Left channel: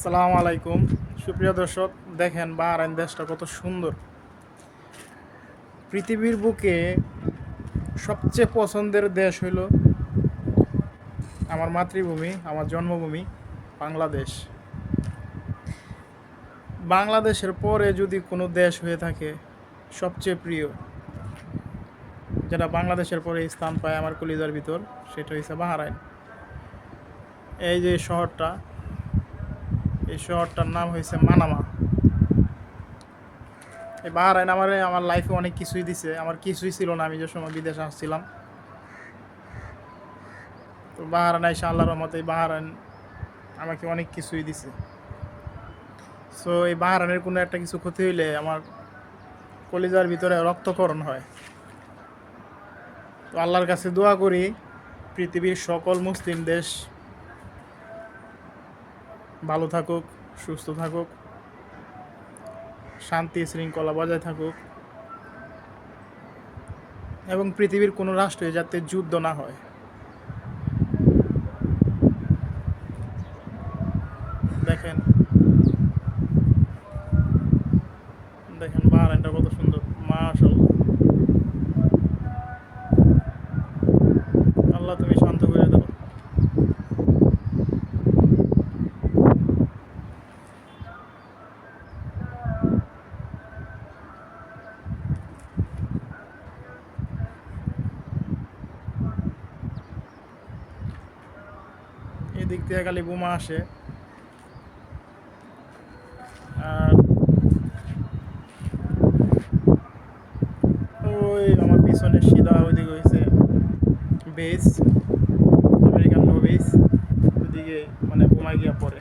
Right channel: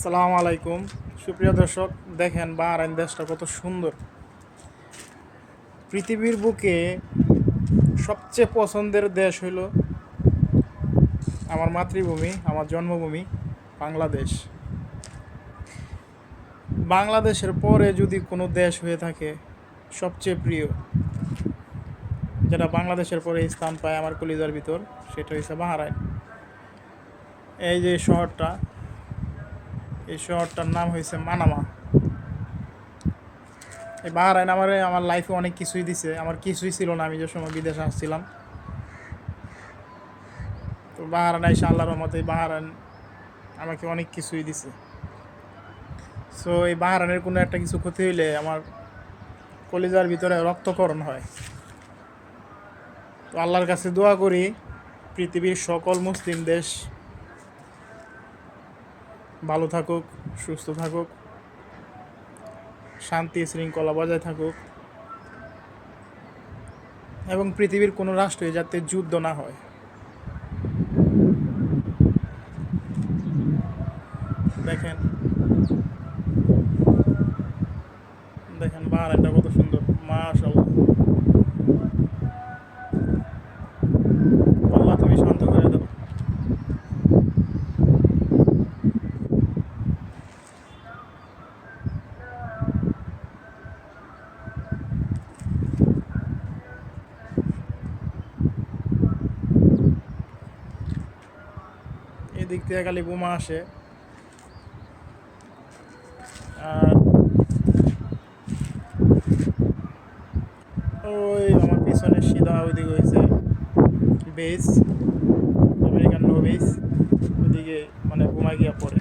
আসসালামু আলাইকুম সুপ্রিয় দর্শক, দেখেন বাহরাইন দেশটা কত সুন্দর। পৃথিবীর বুকে সবচেয়ে পছন্দের দেশ হইল আমার মাতৃভূমি, আমার জন্মভূমি বাংলাদেশ। বাংলাদেশের পরে যদি কোনো দেশ হয়ে থাকে সবচেয়ে প্রিয়, যেটা বাংলাদেশের পরে স্থান পায় আমার কলিজার ভিতর, সেটা হচ্ছে বাহরাইন। এই যে শহরটা, এই শহরটার নাম হয়েছে মানামা। এই বাহরাইন আমার লাইফে অনেক কিছুই দিছে। আমার কিছুই ছিল না আমি যে সময় বিদেশে আসছিলাম। তো বাহরাইন আইসা আল্লাহর রহমতে বাহরাইন আমাকে অনেক কিছুই দিছে। সো এই বাহরাইনের কোনো একটা কিছু ক্ষতি হইলে আমার কলিজার ভিতরে রক্তক্ষরণ হয়। তো আল্লাহর কাছে দোয়া করি পৃথিবীর সকল মুসলিম দেশ ভালো থাকুক, সুস্থ থাকুক, শান্তি শৃঙ্খলা বজায় থাকুক, এবং পৃথিবীর কোনো রাষ্ট্রে যাতে যুদ্ধ না হয়। দেখেন দেখেন বাহরাইনটা কত সুন্দর, মাশাআল্লাহ। আল্লাহ তুমি শান্ত করে দাও। এদিক থেকে খালি বোমা আসে, আর ওই আমার পিছনে সিধা ওইদিকে হয়েছে বেস, আমেরিকান নো বেস, ওইদিকে মানে বোমা গিয়া পড়ে।